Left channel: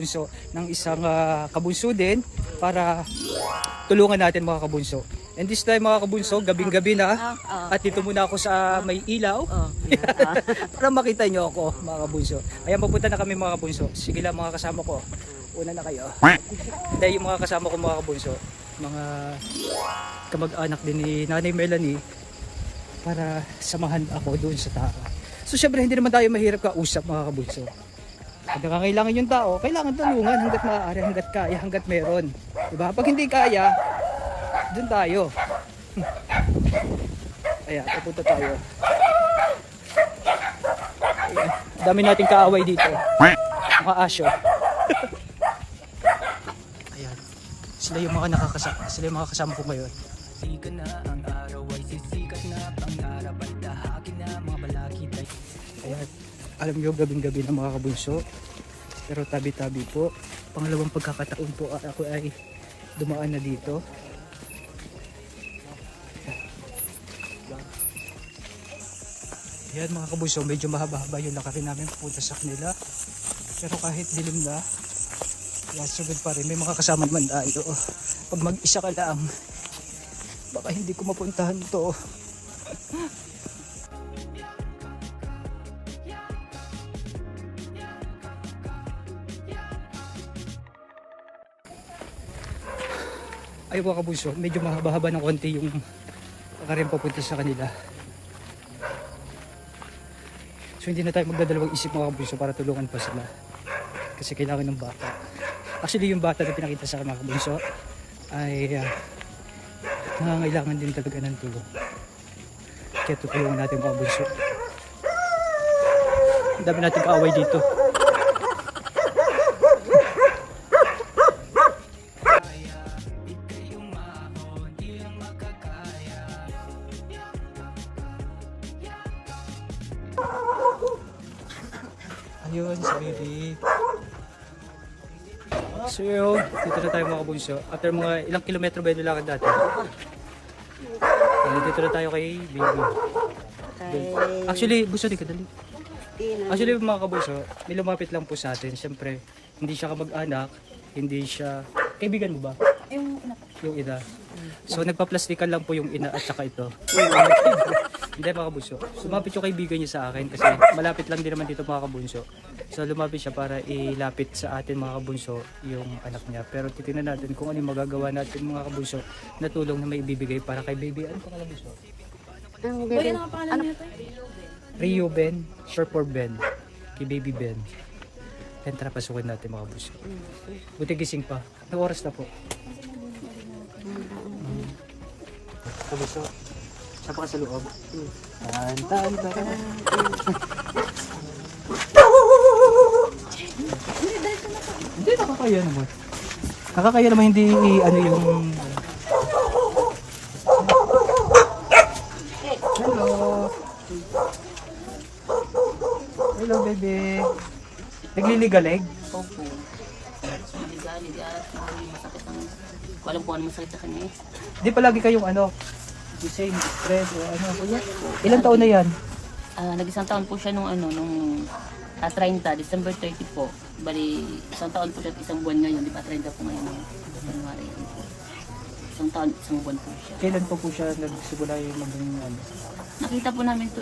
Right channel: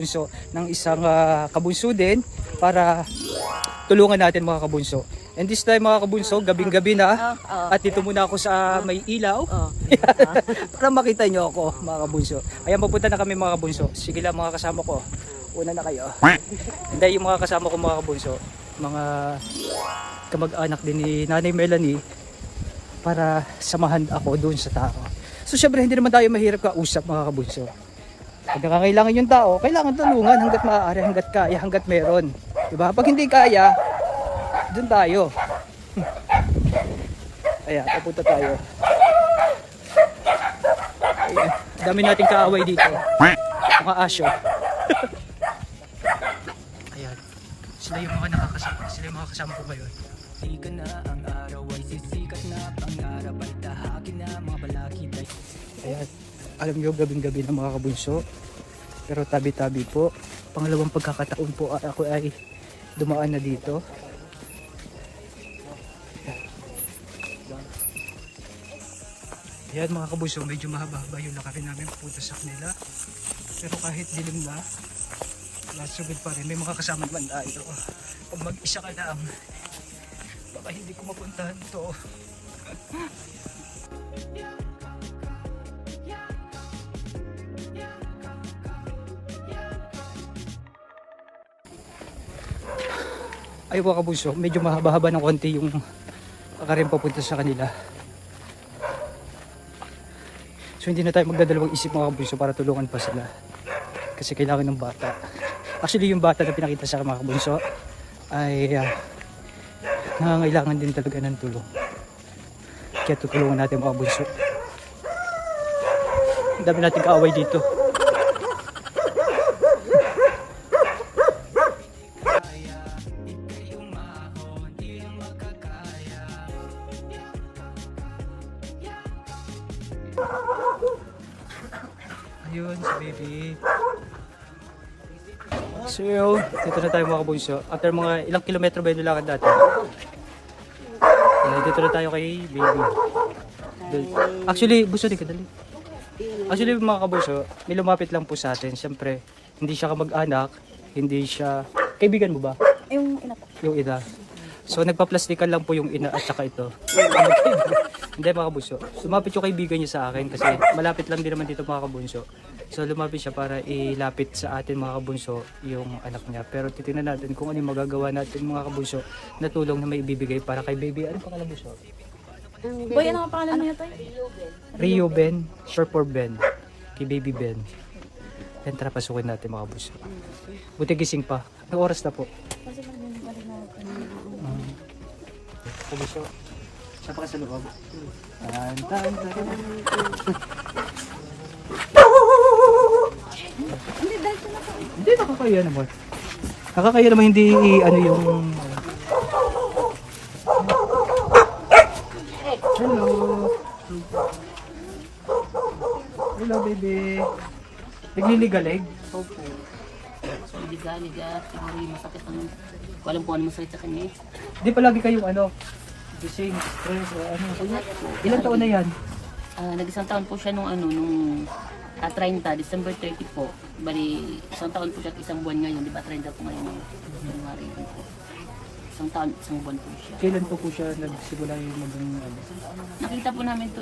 Bunso ng isang kabunso din para tulungan natin mga kabunso. And this time mga kabunso, gabing-gabi na at dito muna ako sa may ilaw para makita nyo ako mga kabunso. Ayan, papunta na kami mga kabunso. Sige lang mga kasama ko, una na kayo. Hindi, yung mga kasama ko mga kabunso, mga kamag-anak din ni Nanay Melanie, para samahan ako doon sa tao. So syempre hindi naman tayo mahirap kausap mga kabunso. Pag nakakailangan yung tao, kailangan tulungan hanggat maaari, hanggat kaya, hanggat meron. Diba? Pag hindi kaya, dun tayo. Ayan, papunta tayo. Ayan, dami nating kaaway dito. Mga asyo. Ayan, sila yung mga nakakasama, sila yung mga kasama ko ngayon. Sikat na ang araw ay sisikat na, pangarap ay tahakin na, mga balakid ay... Ayan, alam nyo, gabing-gabi na mga kabunso, pero tabi-tabi po. Pangalawang pagkakataon po ako ay dumaan na dito. Ayan mga kabunso, medyo mahaba-haba yung lakarin namin pupunta sa kanila, pero kahit dilim na, sugod pa rin, may mga kasama naman doon. Pag mag-isa ka lang, baka hindi ko mapuntahan ito. Ay mga kabunso, medyo mahaba-haba ng konti yung kakarin papunta sa kanila. So hindi na tayo magdadalawang isip mga kabunso para tulungan pa sila. Kasi kailangan ng bata. Actually yung bata na pinakita sa mga kabunso ay nangangailangan din talaga ng tulong. Kaya tutulungan natin mga kabunso. Ang dami nating kaaway dito. Ayun, si baby. So yun, dito na tayo mga kabunso. After mga ilang kilometro ba yung lakad natin? Dito na tayo kay baby. Actually, gusto rin kadali. Actually mga kabunso, may lumapit lang po sa atin. Siyempre, hindi siya kamag-anak, hindi siya... Kaibigan mo ba? Yung ina. Yung ina. So nagpa-plastikan lang po yung ina at saka ito. Hindi mga kabunso. Sumapit yung kaibigan niya sa akin kasi malapit lang din naman dito mga kabunso. So lumapit siya para ilapit sa atin mga kabunso yung anak niya. Pero titingnan natin kung ano yung magagawa natin mga kabunso na tulong na may ibibigay para kay baby. Ano pangalan bunso? Boy, ano ang pangalan niya to? Rio Ben, short for Ben. Kay baby Ben. Yan, tara pasukin natin mga kabunso. Buti gising pa. May oras na po. Kabunso. Saan pa ka sa loob? Tan, tan, tan. Hindi, dahil ito na po. Hindi, nakakaya naman. Nakakaya naman hindi ano yung... Hello. Hello, baby. Nagliligalig? Opo. Liga-liga at masakit ang... Walang po ano masakit sa kanya eh. Di pa lagi kayong ano? The same stress o ano? Puyat po. Ilang taon na yan? Nag-isang taon po siya nung 30, December 30 po. Bali, isang taon po siya at isang buwan ngayon. Di ba 30 po ngayon ng January po. Isang taon, isang buwan po siya. Kailan po siya nagsimula yung maging ano? Nakita po namin to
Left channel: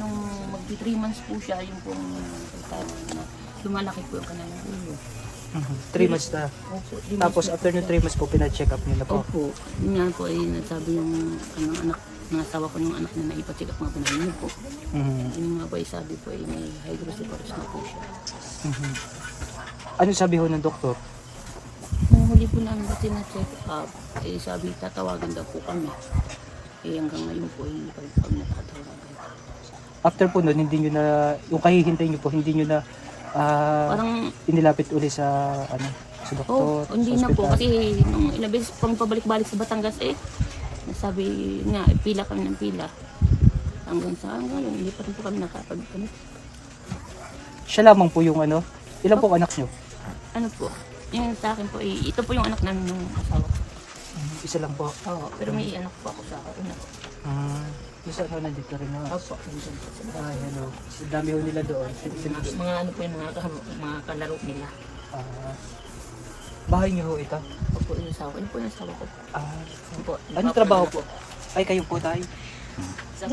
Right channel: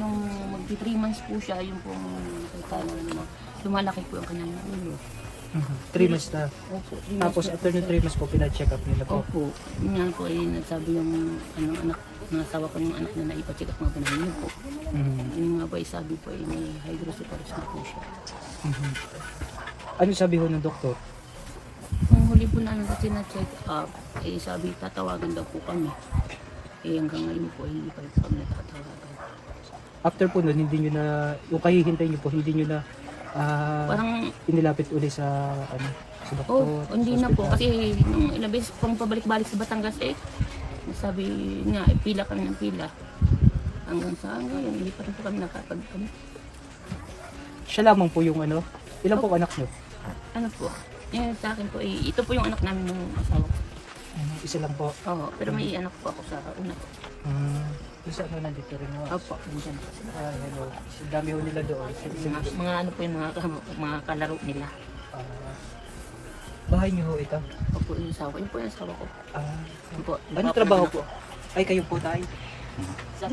nung magti 3 months po siya. Yung pong nakita na lumalaki po yung kanyang ulo. 3 months na. Opo. Tapos after yung 3 months po, pina-check up nila po. Opo. Yun nga po nagsabi yung anak ng asawa ko yung anak niya na ipacheck up mga panahon niyo po. Yung nga po sabi po may hydrocephalus na po siya. Ano sabi ho ng doktor? Nung huli po namin po na-check up, sabi tatawagan daw po kami. Hanggang ngayon po hindi pa rin kami nakatawagan. After po nun, hindi nyo na, yung kahihintay nyo po, hindi nyo na Parang, inilapit uli sa ano, sa doktor? hindi sa na po. ospital? Kasi nung inabis pang pabalik-balik sa Batangas sabi nga, pila kami ng pila. Hanggang sa ngayon, hindi pa rin po kami nakapag-kami. Siya lamang po yung ano? Ilan po anak nyo? Ano po? Yung sa akin po, ito po yung anak namin ng asawa ko. Isa lang po. Oo, pero may anak po ako sa una po. Isa mo nandito rin na. Opo, nandyan po sila. Hello. Ang dami ho nila doon. Mga ano po yung mga kalaro nila. Bahay niyo ho ito? Opo, yung asawa. Yun po yung asawa ko. Ah, Yun po. ano trabaho po? Ay, kayo po tayo. Sa